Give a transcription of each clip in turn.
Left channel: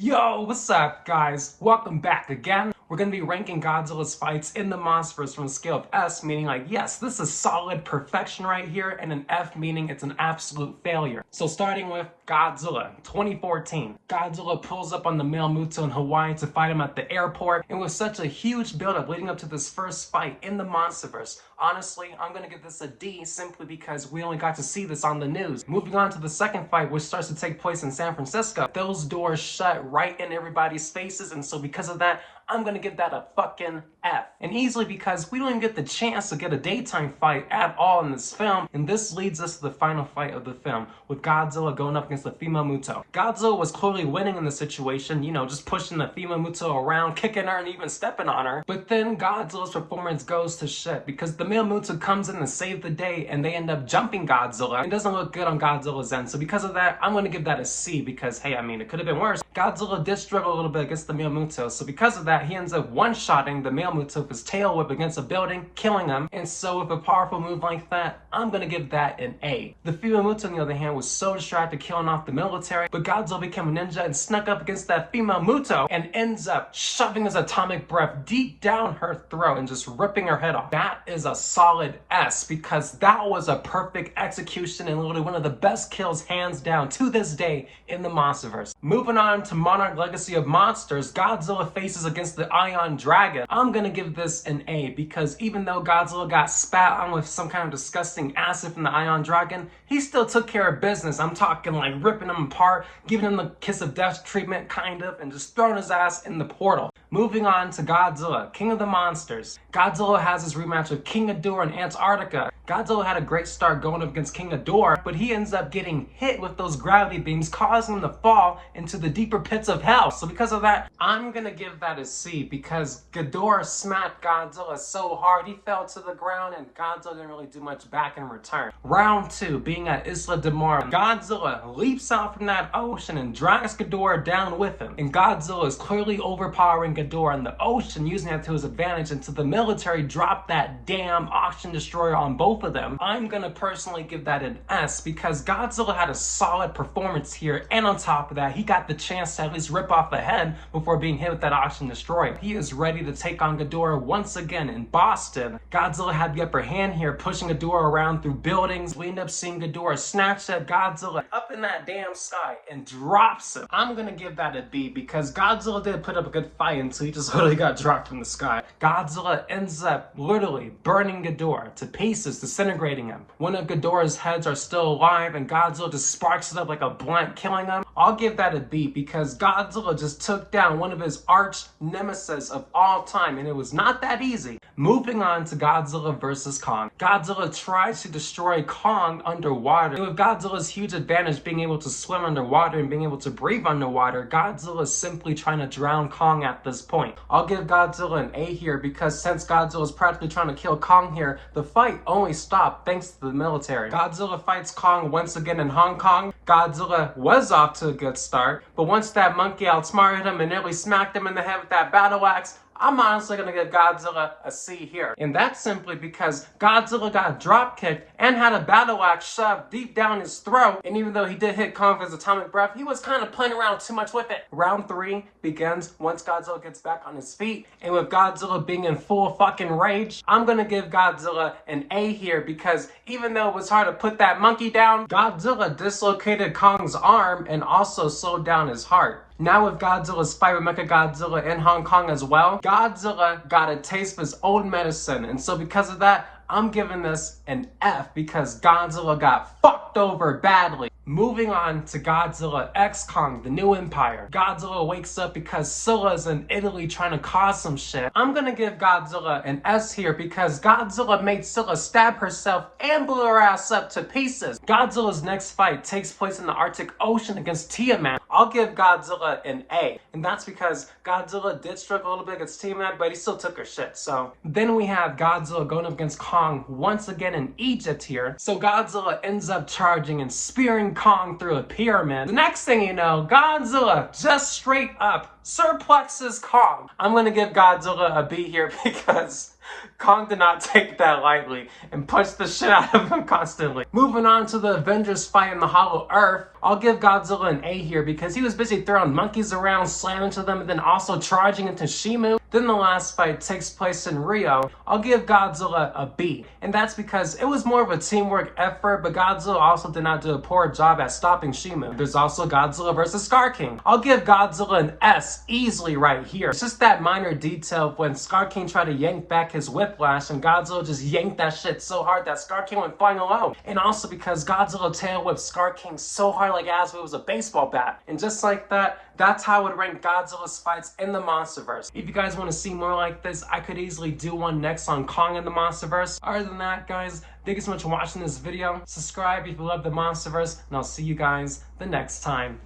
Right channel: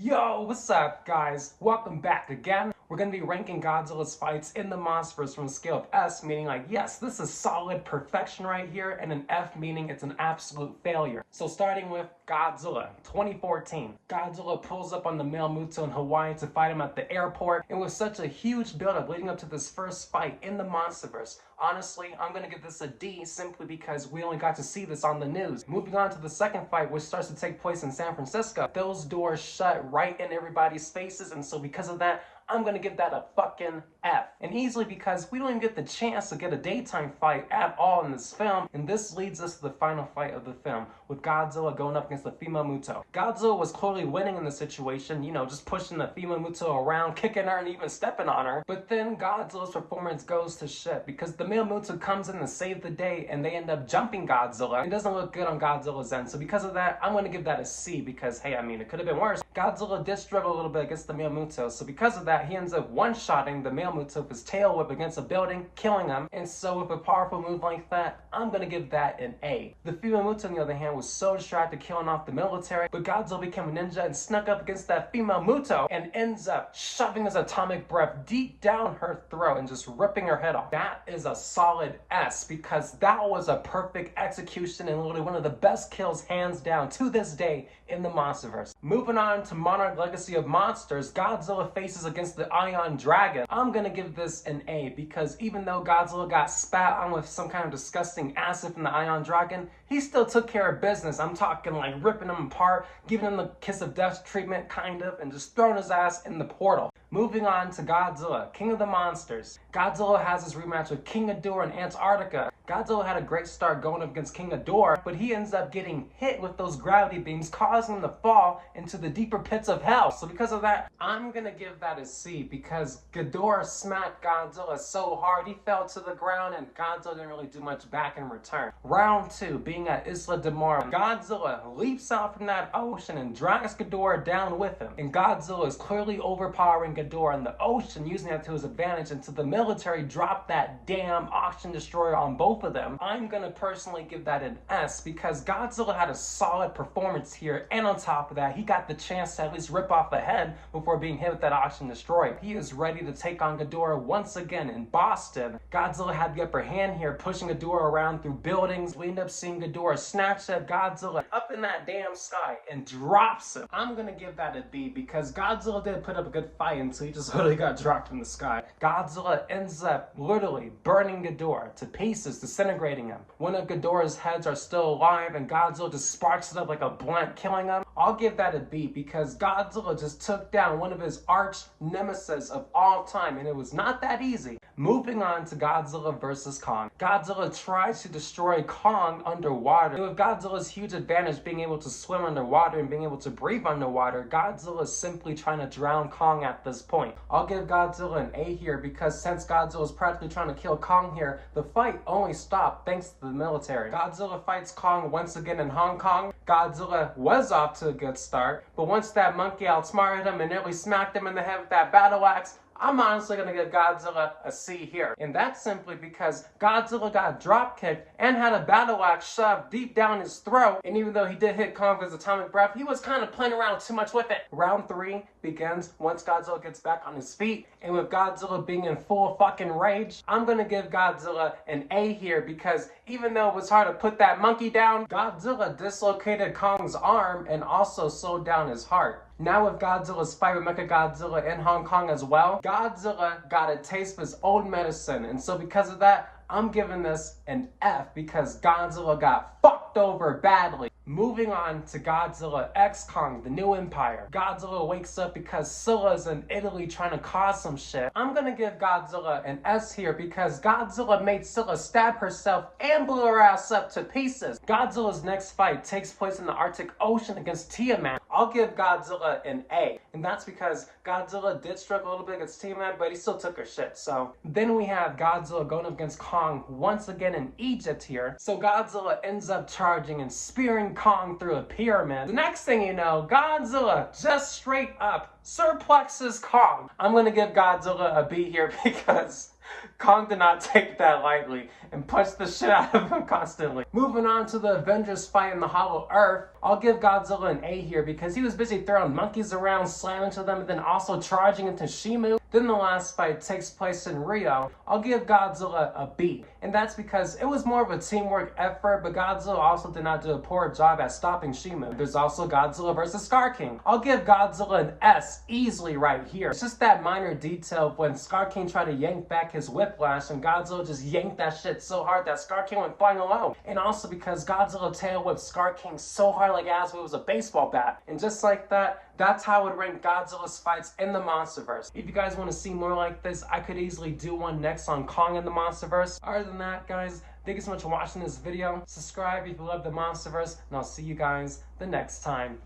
Yo, what's up, guys? Welcome back again. We're going to be ranking Godzilla's fights in the Monsterverse from a scale of S, meaning like, yes, this is solid perfection right here, and an F, meaning it's an absolute failure. So starting with Godzilla, 2014. Godzilla pulls up on the male Muto in Hawaii to fight him at the airport, and with such a huge buildup leading up to this first fight in the Monsterverse, honestly, I'm going to give this a D simply because we only got to see this on the news. Moving on to the second fight, which starts to take place in San Francisco, those doors shut right in everybody's faces, and so because of that, I'm gonna give that a fucking F. And easily because we don't even get the chance to get a daytime fight at all in this film, and this leads us to the final fight of the film, with Godzilla going up against the female Muto. Godzilla was clearly winning in the situation, you know, just pushing the female Muto around, kicking her, and even stepping on her. But then Godzilla's performance goes to shit, because the male Muto comes in to save the day, and they end up jumping Godzilla. It doesn't look good on Godzilla's end, so because of that, I'm gonna give that a C, because hey, I mean, it could have been worse. Godzilla did struggle a little bit against the male Muto, so because of that, he ends up one-shotting the male Muto with his tail whip against a building, killing him. And so with a powerful move like that, I'm gonna give that an A. The female Muto, on the other hand, was so distracted killing off the military, but Godzilla became a ninja and snuck up against that female Muto and ends up shoving his atomic breath deep down her throat and just ripping her head off. That is a solid S, because that was a perfect execution and literally one of the best kills hands down to this day in the Monsterverse. Moving on to Monarch Legacy of Monsters, Godzilla faces against the Ion Dragon. I'm gonna give this an A, because even though Godzilla got spat on with some kind of disgusting acid from the Ion Dragon, he still took care of business. I'm talking like ripping him apart, giving him the kiss of death treatment, kind of, and just throwing his ass in the portal. Moving on to Godzilla, King of the Monsters. Godzilla has his rematch with King Ghidorah in Antarctica. Godzilla had a great start going up against King Ghidorah, but he ends up getting hit with those gravity beams, causing him to fall into the deeper pits of hell. So because of that, I'm gonna give that a C, because Ghidorah smacked Godzilla so hard he fell to the ground, and Godzilla didn't really do much back in return. Round 2, being at Isla de Mar, Godzilla leaps out from that ocean and drags Ghidorah down with him. And Godzilla is clearly overpowering Ghidorah in the ocean, using that to his advantage until the military dropped that damn ocean destroyer on both of them. I'm gonna personally give that an S, because Godzilla had a solid performance here, and on top of that, he got the chance to at least rip off the head before being hit with that ocean destroyer. He is ready to take on Ghidorah once again in Boston. Godzilla had the upper hand here, pushing Ghidorah around through buildings. We end up seeing Ghidorah snatch that Godzilla up in that damn sky and drops him. I'm gonna give that a B, because Godzilla did put up a good fight until he just literally got dropped from the sky. Godzilla ends up literally burning Ghidorah to pieces, disintegrating him. One of Ghidorah's heads are still alive, and Godzilla just sparks it up like a blunt, killing him. I'll give that a B, because Godzilla just took down one of his arch nemesis of all time, and it was not that easy. Moving on to Godzilla vs. Kong. Godzilla tries to destroy Kong underwater, and with Godzilla's huge advantage being able to swim underwater and being able to breathe underwater, Godzilla is simply trying to drown Kong at this point. I'll give Godzilla an A here, because since Godzilla is practically trying to kill Kong here, the fight only stopped thanks to the military. Godzilla fights Kong once again in Hong Kong. Godzilla was off to a good start, but once that monkey outsmarted him and nearly smacked him in the head with that battle axe, I'm honestly gonna give Godzilla a C here. And that's simply because Godzilla got drop kicked and had a battle axe shoved deep down his throat. And even though he did hit Kong with his atomic breath, he was kind of playing around too much with it. Round 3 begins once Godzilla gets back on his feet. And with Godzilla being in full fucking rage, I'm gonna give Godzilla an A here, because even though it was hard to put that monkey down, Godzilla dislocated Kong's arm and also slowed down his heart. Now with Godzilla's fight with Mechagodzilla in Hong Kong as well, Godzilla got a taste of his own medicine, and so because of that, I'm giving this an F, because Godzilla got fucked over badly. Moving on to Godzilla x Kong, the New Empire. Godzilla wakes up because Scylla's in Italy trying to cause some shit. I'm gonna give Godzilla an S here, because Godzilla made Scylla stab herself and blew her ass up to pieces. Godzilla's next fight takes place in the Arctic Ocean against Tiamat. I'll give Godzilla an A, and that's because Godzilla did struggle a little bit against Tiamat, but he still took her shit. So then we have Godzilla going up against Kong once again in Egypt here. So Godzilla ends up charging and spearing Kong through a pyramid. The next thing you know, Godzilla just straight up suplexes Kong. I'm gonna give Godzilla a B here, because Kong did not take that lightly and punched the shit out of him constantly. Moving on to the Avengers fight in the Hollow Earth, I'll give Godzilla an A here because he was busy throwing monkeys around, slamming to them, and then also charging into Shimu. Then the last fight takes place in Rio. I'll give Godzilla a B, and that's because it was more of a teamwork effort, but Godzilla also did not do a poor job at stopping Shimu. There's also Godzilla versus Scar King. I'll give Godzilla an S easily right here. It's just that minor detail of when Scar King tried to yank back his whiplash and Godzilla just yanked that shit so hard that Scar King went flying alone. And also because Godzilla tail whipped Scar King so hard like as if it was a baseball bat. And just like that, that's how I would rank Godzilla's fights in the Monsterverse. If you guys want to see more like this, I could easily do one next on Kong in the Monsterverse. Other than that, guys, thank you so much for watching this video. Subscribe if you love the Monsterverse, and I'll see you guys the next time.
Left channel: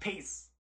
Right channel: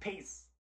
Peace.